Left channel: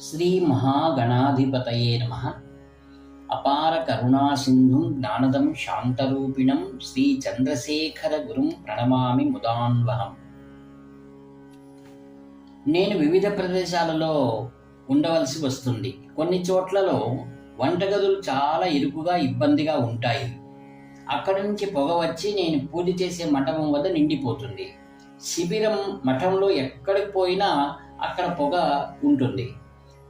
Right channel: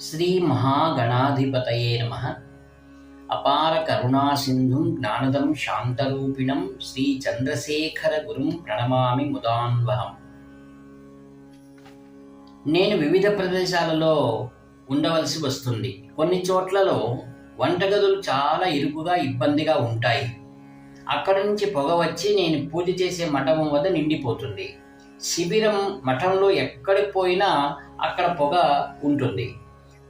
శ్రీ మహాగణాధిపతయే నమః. అపార కరుణాసింధుం జ్ఞానదం శాంతరూపిణం శ్రీ చంద్రశేఖర గురుం ప్రణమామి ముదాన్వహం. నేను వివిధ ప్రదేశాలలో ఉండవలసి వస్తుంది. కొన్ని చోట్లలో వంటగదులు చాలా ఇరుకుగా ఇబ్బందిగా ఉంటాయి. అక్కడి నుంచి పొగ వచ్చి నేను పూజ చేసే మఠం వద్ద నిండిపోతుంది. శిబిరం మఠంలో ఎక్కడికి పోయినా అక్కడ పొగ ఉంటుంది.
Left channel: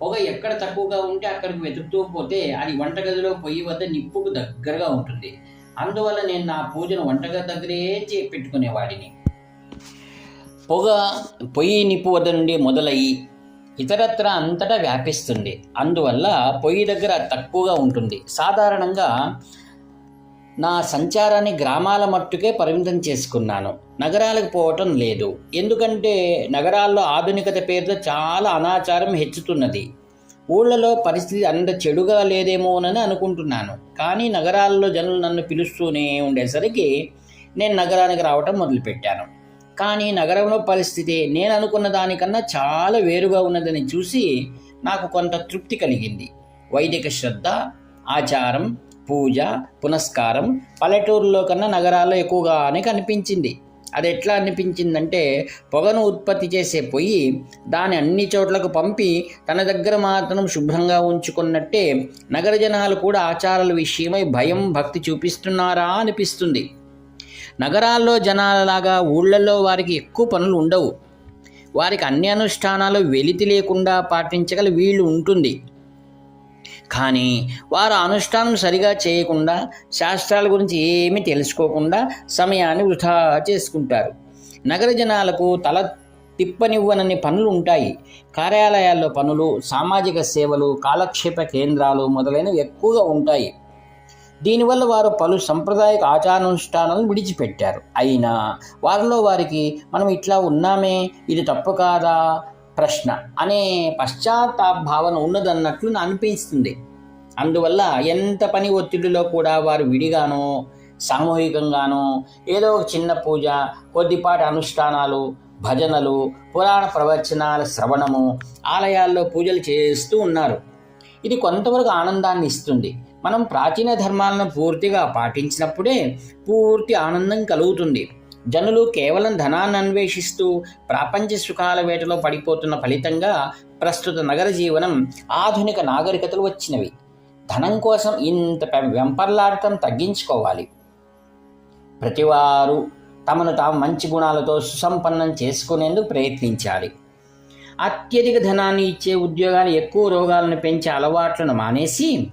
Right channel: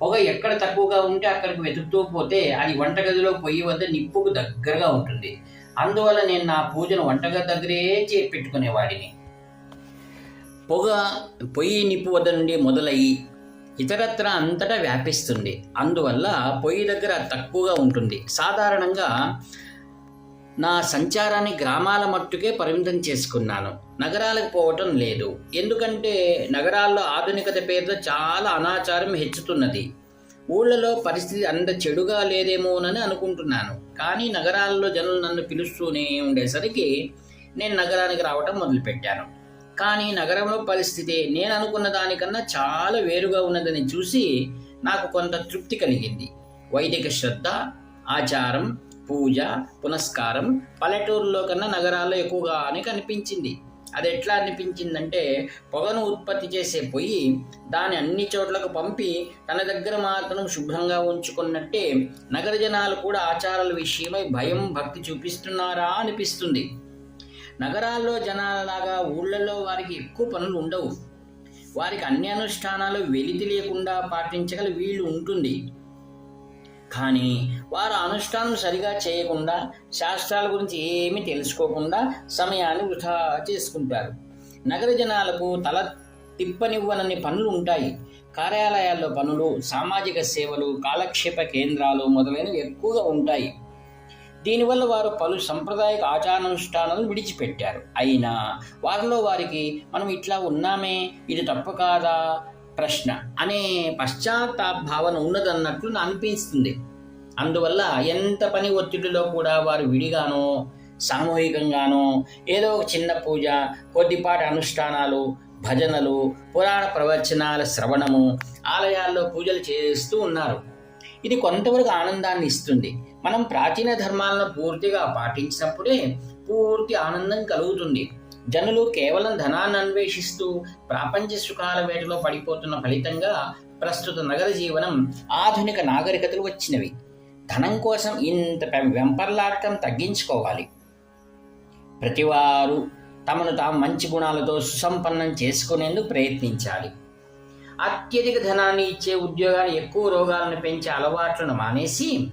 పొగ ఎక్కడ తక్కువగా ఉంటే అక్కడికి వెతుకుతూ పోతే అది వంటగదిలో పొయ్యి వద్ద నిప్పుకు దగ్గరగా ఉంటుంది. అందువల్ల నేను నా పూజను వంటగది దగ్గరే పెట్టుకునేవాడిని. పొగ పొయ్యి నిప్పు వద్ద నుండి మొదలయ్యి ఇతరత్ర అంతటా వ్యాపిస్తుంది. అందువల్ల పొయ్యి దగ్గర తక్కువగా ఉంటుంది. సాధారణంగా నా సంచారాన్ని గ్రామాల మట్టుకే పరిమితం చేసుకున్నాను. నగరాలకు పోవటం లేదు. ఎందుకంటే నగరాల్లో ఆధునికత పేరుతో చాలా అనాచారం హెచ్చుతున్నది. ఊళ్ళలో పరిస్థితి అంత చెడుగా లేదేమోనని అనుకుంటున్నాను. కానీ నగరాల్లో జనులు నన్ను పిలుస్తూనే ఉండేసరికి నేను నగరానికి రావటం మొదలుపెట్టాను. కానీ నగరంలో పరిస్థితి నేను అనుకున్న దానికన్నా చాలా వేరుగా ఉన్నదని చూసి నాకు కొంత తృప్తి కలిగింది. వైదిక శ్రద్ధ, ఆచారం, పూజ, పునస్కారం పల్లెటూరులో కన్నా నగరాల్లో ఎక్కువగానే కనిపించింది. అది ఎట్లా అనిపించిందంటే, పొగను ఉత్పత్తి చేసే పొయ్యి దాన్ని అన్ని చోట్లకు పంపి తన దగ్గర మాత్రం శుభ్రంగా ఉంచుకున్నట్టే నగర జనాలు కూడా ఆచారాల విషయమై భయం, భక్తి చూపిస్తున్నారా అనిపిస్తుంది. నగరాల్లో జనాలలాగా ఊళ్ళల్లో వారికి ఎక్కువ పనులు ఉండవు. వారికి అన్ని అనుష్ఠానాలు వెలితి లేకుండా పాటించగల వీలు ఉంటుంది. కానీ వారు అనుష్ఠానం సరిగా చేయకుండా, శాస్త్రాల గురించి ఏమీ తెలుసుకోకుండా సమయాన్ని వృధా చేసుకుంటారు. నగర జనాలకు తల తిప్పనివ్వనన్ని పనులు ఉంటాయి. కార్యాలయాల్లో పనులు, సామాజిక సేవలు, కాలక్షేప కేంద్రాలు మొదలైనవి ఎక్కువగా ఉంటాయి. దీనివల్ల వారు పలు సాంప్రదాయక ఆచారానుష్ఠానాలను విడిచిపెట్టారు. అయినా వారిలో వారికి మనం ఇట్లా ఉన్నామే, ఇది తప్పు కాదా ప్రశ్న అనే పశ్చాత్తాప భావన ఉన్నదన్నట్లు అనిపిస్తుంది. అందువల్ల ఎంత పని ఒత్తిడిలో కూడా వారు విడిగానో సామూహికంగానో ఏదో ఒక చిన్న పూజ, కొద్దిపాటి అనుష్ఠానాలు, భజనలు, పురాణ ప్రవచనాల శ్రవణము, ఆలయాల్లో పూజలు చేస్తూ ఉన్నారు. ఇది కొంతవరకు ఆనందాన్ని ఇస్తుంది. మనం ప్రాచీన ధర్మాలను పూర్తిగా పాటించినప్పుడే పూర్తి ఆనందం కలుగుతుంది. జనులు కేవలం ధనాన్ని అన్వేషిస్తూ ప్రాపంచ సుఖాల వేటలో పడిపోతున్న ఫలితంగా ప్రస్తుత నగర జీవనం, ఆధునిక నాగరికతలు వచ్చినవి. ధనం కోసం ఇంత వెంపర్లాడటం తగ్గించుకోవాలి. ప్రతివారు తమను తాము మంచి గుణాలతో సుసంపన్నం చేసుకునేందుకు ప్రయత్నించాలి. అత్యధిక ధనాన్ని ఇచ్చే ఉద్యోగాలు ఎక్కువ రోగాలను పెంచే అలవాట్లను మానేసి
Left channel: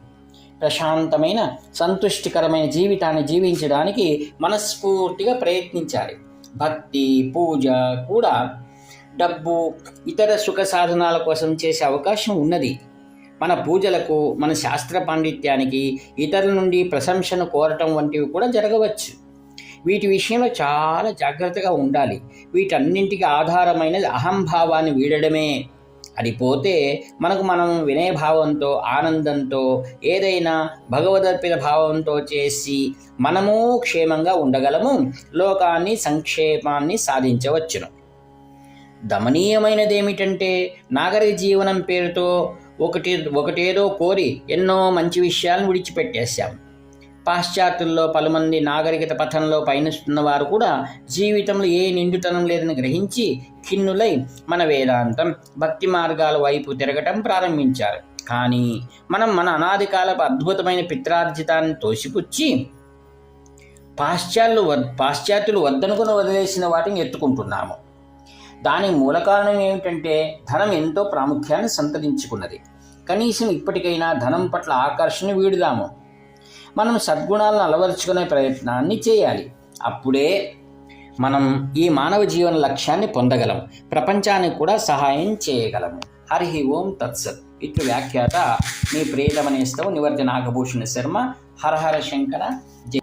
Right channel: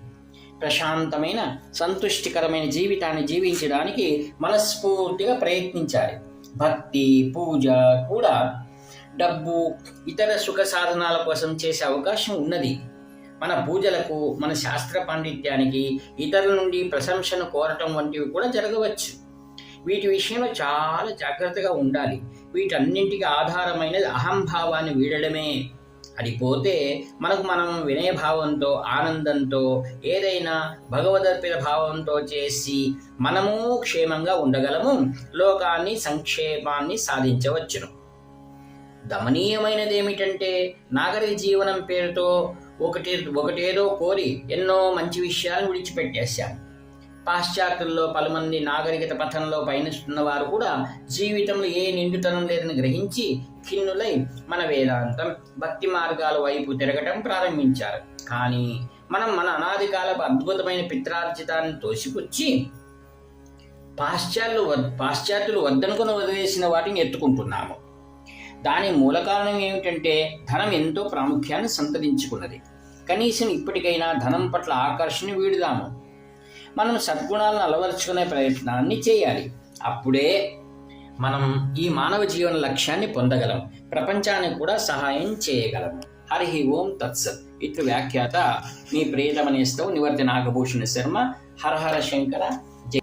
ప్రశాంతమైన, సంతుష్టికరమైన జీవితాన్ని జీవించడానికి మనస్ఫూర్తిగా ప్రయత్నించాలి. భక్తి, పూజ కూడా డబ్బు, ఇతర సుఖ సాధనాల కోసం చేసే అవకాశం ఉన్నది. మన పూజలకు, మన శాస్త్ర పాండిత్యానికి ఇతరుల నుండి ప్రశంసను కోరటం వంటివి కూడా జరగవచ్చు. వీటి విషయంలో చాలా జాగ్రత్తగా ఉండాలి. వీటన్నింటికి ఆధారమైనది అహంభావాన్ని వీడడమే. అది పోతే మనకు మనం వినయభావంతో, ఆనందంతో, ఏదైనా భగవదర్పిత భావంతో చేసి మనము క్షేమంగా ఉండగలము. లోకాన్ని, సంక్షేమాన్ని సాధించవచ్చును. దమనీయమైనది ఏమిటంటే, నాగరిక జీవనం పేరుతో ఒకటేదో కోరి ఎన్నో మంచి విషయాలను విడిచిపెట్టేశాం. పాశ్చాత్యుల్లో పలుమంది నాగరికత పథంలో పయనిస్తున్న వారు కూడా జీవితంలో ఏ నిండుతనం లేదని గ్రహించి ఖిన్నులై మన వేదాంతం, భక్తి మార్గాల వైపు తిరగటం ప్రారంభించారు. కానీ మనం మన అనాది కాలపు అద్భుతమైన పిత్రార్జితాన్ని తోసిపుచ్చి పాశ్చాత్యులు వద్దనుకుని వదిలేసిన వాటిని ఎత్తుకుంటున్నాము. దాని మూల కారణం ఏమిటంటే, ధనం ఎంతో ప్రాముఖ్యాన్ని సంతరించుకున్నది. కనీసం ఇప్పటికైనా ధనం పట్ల ఆకర్షణ వీడుదాము. మనం సద్గుణాలను అలవరుచుకునే ప్రయత్నాన్ని చేయాలి. అప్పుడే మనం ఈ మానవ జీవన లక్ష్యాన్ని పొందగలం, ప్రపంచానికి కూడా సహాయం చేయగలము. హరి ఓం తత్సత్. ఇట్లు వ్యాఖ్యాత మీ ప్రియతమ నేస్తం నివర్తి నాగభూషణ శర్మ. హర హర శంకర. జై.